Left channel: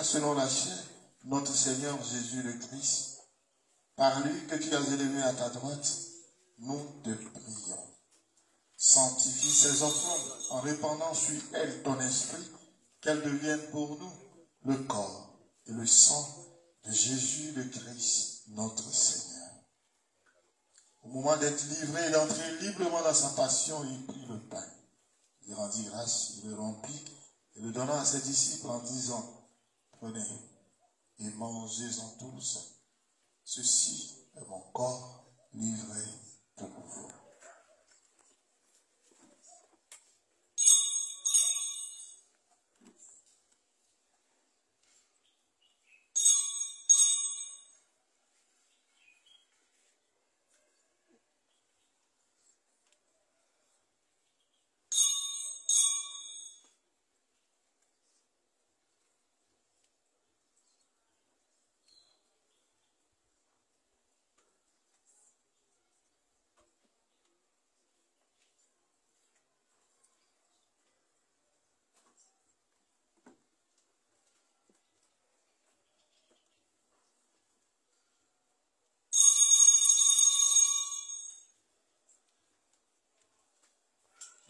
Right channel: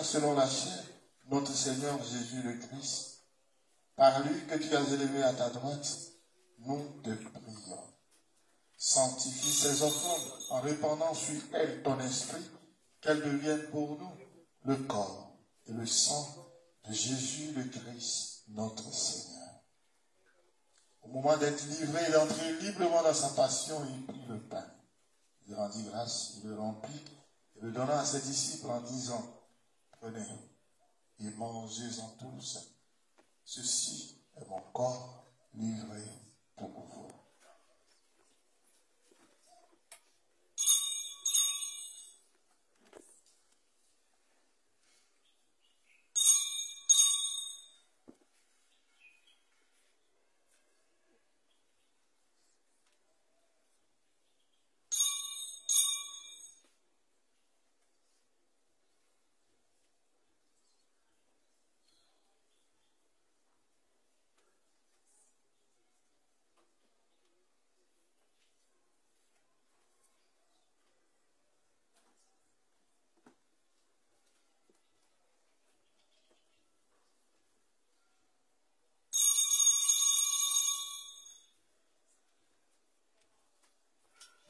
Selon la chair, notre Seigneur Jésus le Christ, par lui que tu as élevé à ta droite, nous te prions. Sanctifie ces offrandes en répandant sur elles ton esprit, qu'elles deviennent pour nous le corps et le sang de Jésus le Christ, notre Seigneur. Au moment d'être livré et d'entrer librement dans sa passion, il prit le pain. Il rendit grâce, il le rompit et le donna à ses disciples en disant: prenez et mangez-en tous. Ceci est mon corps livré pour vous.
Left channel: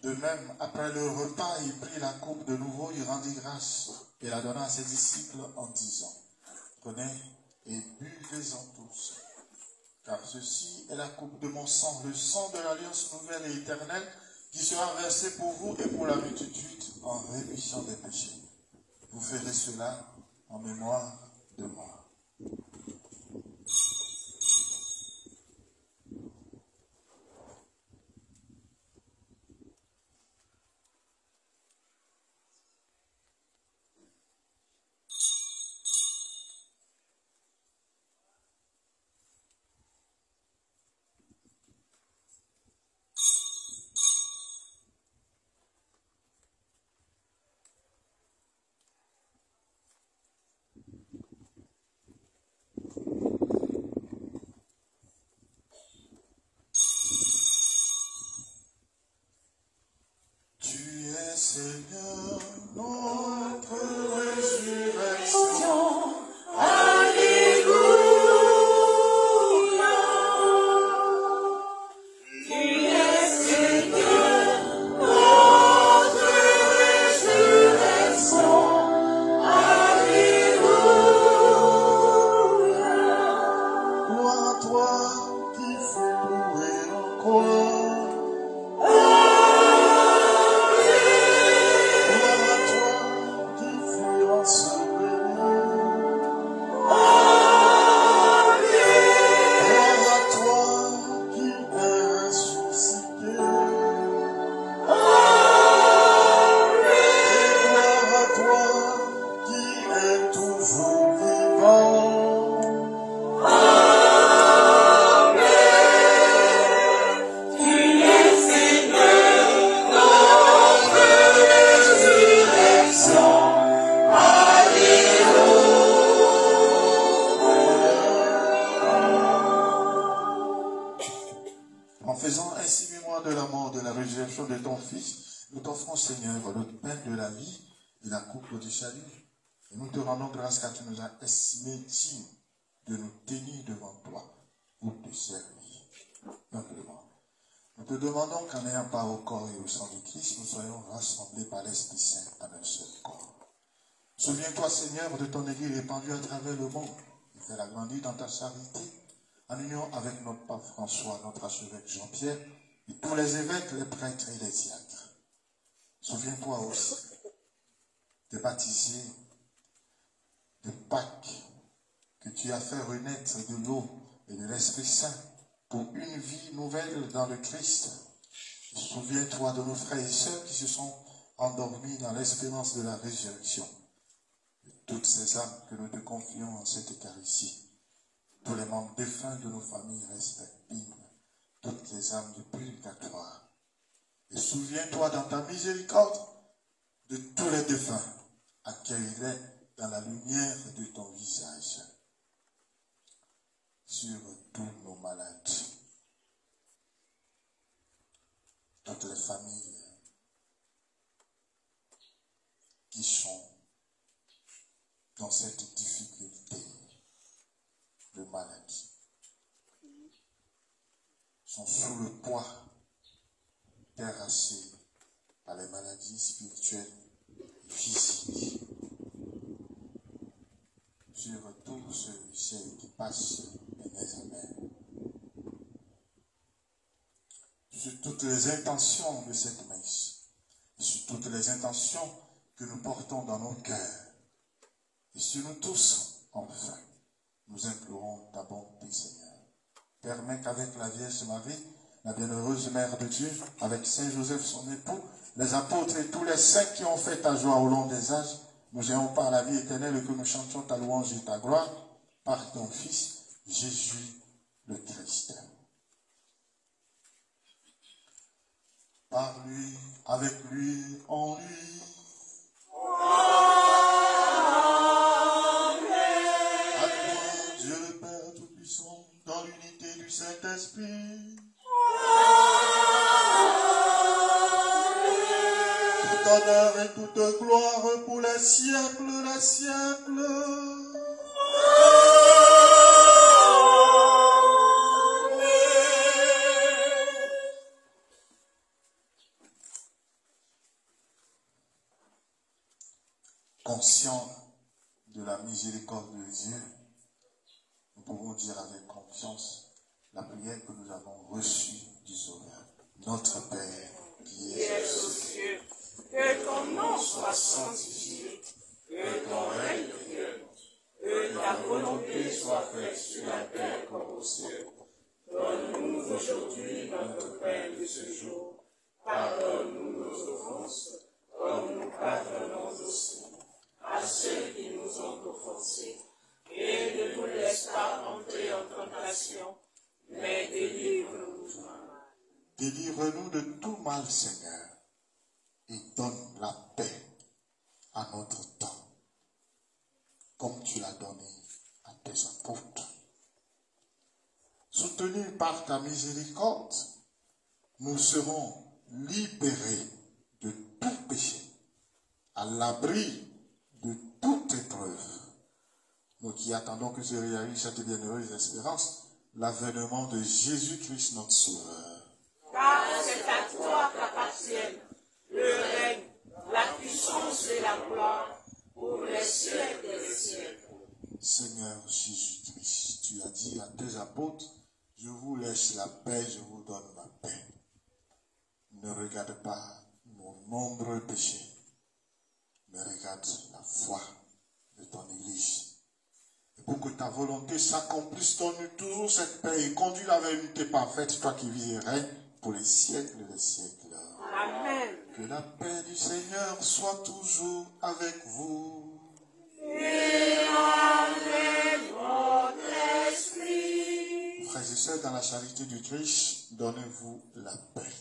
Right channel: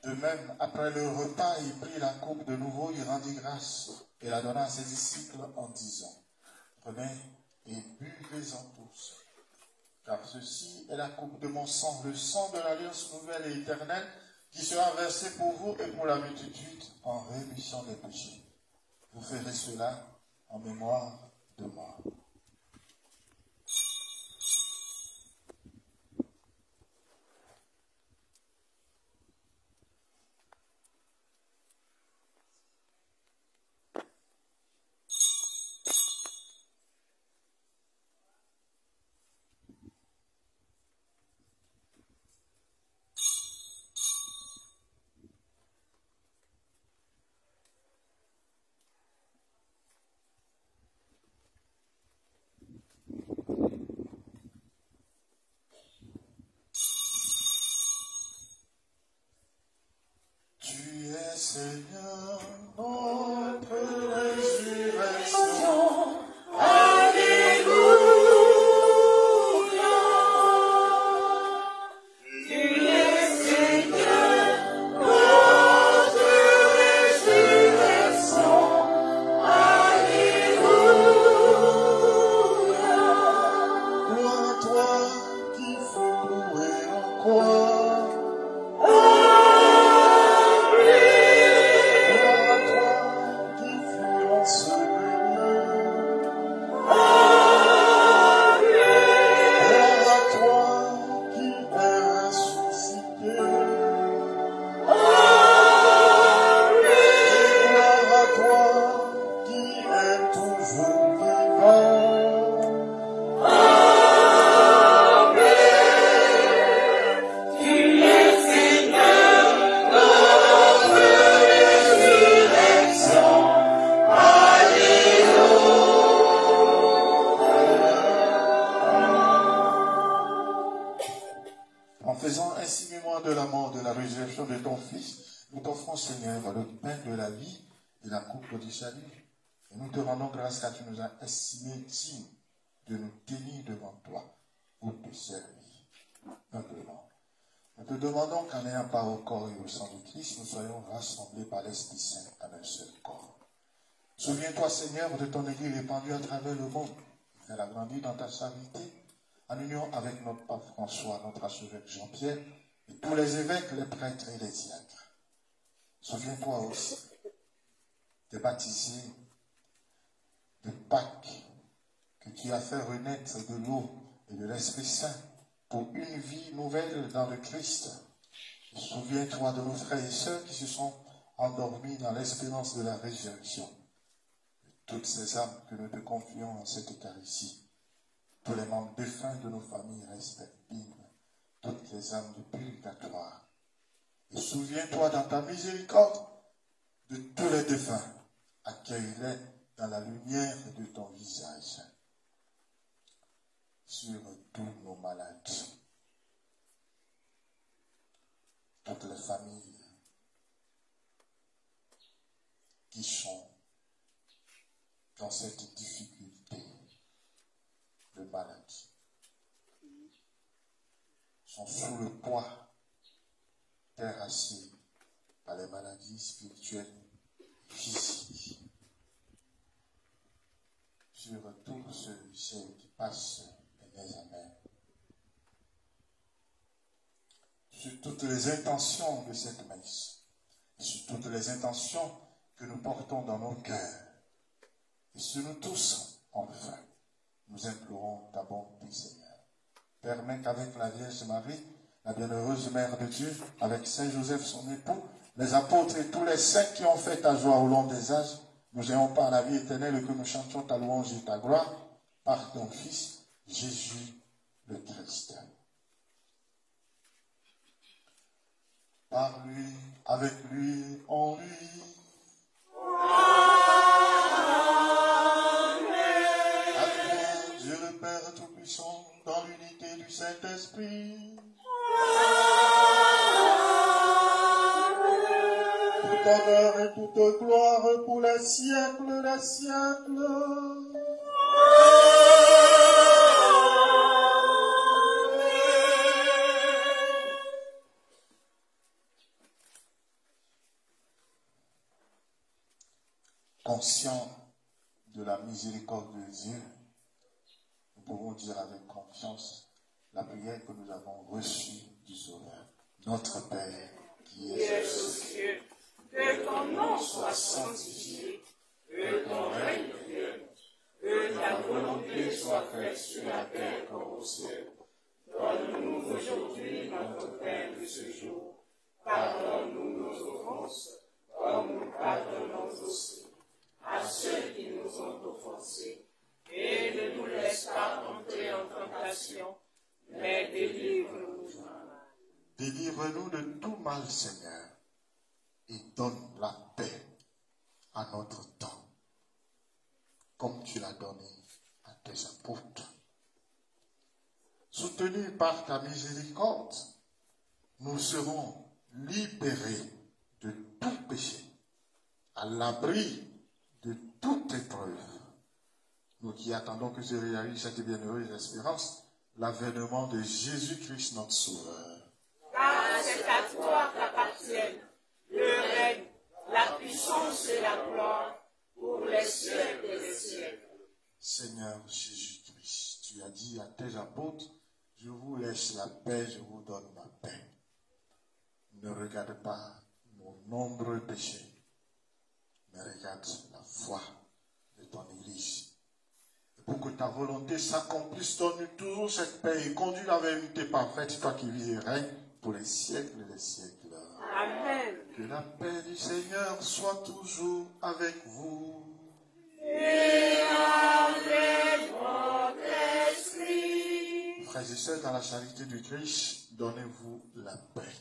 De même, après le repas, il prit la coupe de nouveau, il rendit grâce et la donna à ses disciples en disant: prenez et buvez-en tous, car ceci est la coupe de mon sang, le sang de l'alliance nouvelle et éternelle, qui sera versé pour vous et pour la multitude en rémission des péchés. Vous ferez cela en mémoire de moi. Seigneur, notre résurrection. Alléluia. Tu es Seigneur, notre résurrection. Alléluia. Gloire à toi qui fus cloué en croix. Seigneur, le pain de la vie et la coupe du salut. Et nous te rendons grâce car tu nous as estimés dignes de nous tenir devant toi pour te servir. Simplement. Nous te demandons qu'en ayant part au corps et au sang de Christ, nous soyons rassemblés par l'Esprit Saint en un seul corps. Souviens-toi, Seigneur, de ton Église répandue à travers le monde. Fais-la grandir dans ta charité, en union avec notre pape François, notre archevêque Jean-Pierre, et tous les évêques, les prêtres et les diacres. Souviens-toi aussi des baptisés de Pâques que tu as fait renaître de l'eau et de l'Esprit Saint pour une vie nouvelle dans le Christ. Souviens-toi de nos frères et sœurs qui se sont endormis dans l'espérance de la résurrection. De toutes ces âmes que nous te confions en cette Eucharistie, tous les membres défunts de nos familles respectives, toutes les âmes du purgatoire. Et souviens-toi dans ta miséricorde de tous les défunts. Accueille-les dans la lumière de ton visage. Sur tous nos malades, toutes les familles qui sont dans cette difficulté de maladie, sont sous le poids terrassés par les maladies spirituelles et physiques. Sur tous ceux et celles qui passent les examens. Sur toutes les intentions de cette messe, sur toutes les intentions que nous portons dans nos cœurs, et sur nous tous, enfin, nous implorons ta bonté, Seigneur. Permets qu'avec la Vierge Marie, la bienheureuse Mère de Dieu, avec Saint Joseph son époux, les apôtres et tous les saints qui ont fait ta joie au long des âges, nous ayons par la vie éternelle et que nous chantions ta louange et ta gloire par ton Fils, Jésus le Christ. Par lui, avec lui, en lui. À toi, Dieu le Père Tout-Puissant, dans l'unité du Saint-Esprit. Tout honneur et toute gloire pour les siècles des siècles. Conscient de la miséricorde de Dieu, nous pouvons dire avec confiance la prière que nous avons reçue du Sauveur. Notre Père, qui es aux cieux, que ton nom soit sanctifié, que ton règne vienne, que ta volonté soit faite sur la terre comme au ciel. Donne-nous aujourd'hui notre pain de ce jour. Pardonne-nous nos offenses, comme nous pardonnons aussi à ceux qui nous ont offensés. Et ne nous laisse pas entrer en tentation, mais délivre-nous du mal. Délivre-nous de tout mal, Seigneur, et donne la paix à notre temps, comme tu l'as donné à tes apôtres. Soutenus par ta miséricorde, nous serons libérés de tout péché, à l'abri de toute épreuve. Nous qui attendons que se réalise cette bienheureuse espérance, l'avènement de Jésus-Christ notre Sauveur. Car c'est à toi qu'appartiennent le règne, la puissance et la gloire pour les siècles des siècles. Seigneur Jésus-Christ, tu as dit à tes apôtres, je vous laisse la paix, je vous donne ma paix. Ne regarde pas nos nombreux péchés, mais regarde la foi de ton Église. Et pour que ta volonté s'accomplisse, donne-nous toujours cette paix et conduis la vérité parfaite, toi qui vis et règnes pour les siècles des siècles. Amen. Que la paix du Seigneur soit toujours avec vous. Et avec votre esprit. Frères et sœurs, dans la charité du Christ, donnez-vous la paix.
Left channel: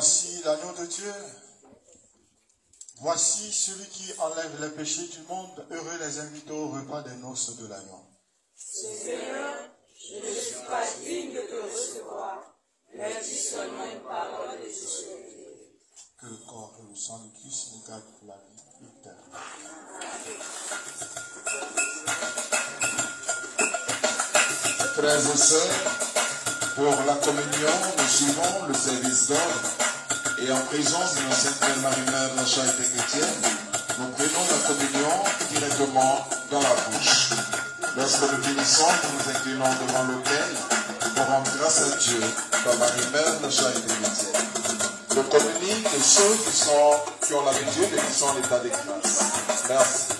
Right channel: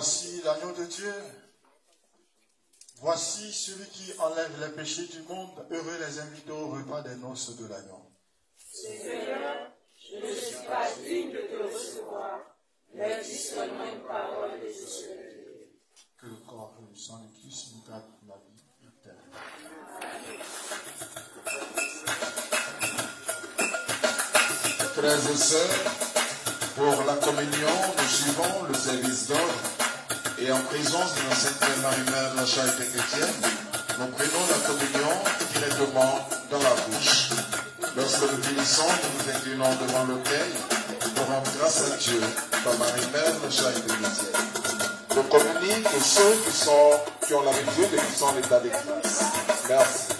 Voici l'agneau de Dieu. Voici celui qui enlève les péchés du monde. Heureux les invités au repas des noces de l'agneau. Seigneur, je ne suis pas digne de te recevoir, mais dis seulement une parole et je serai guéri. Que le corps et le sang du Christ nous gardent pour la vie éternelle. Frères et sœurs, pour la communion, nous suivons le service d'ordre et en présence de la Sainte Marie-Mère, la charité chrétienne, nous prenons la communion directement dans la bouche. Lorsque nous finissons, nous nous inclinons devant l'autel pour rendre grâce à Dieu par Marie-Mère, la charité chrétienne. Je communique ceux qui ont la vie de Dieu et qui sont en état de grâce. Merci.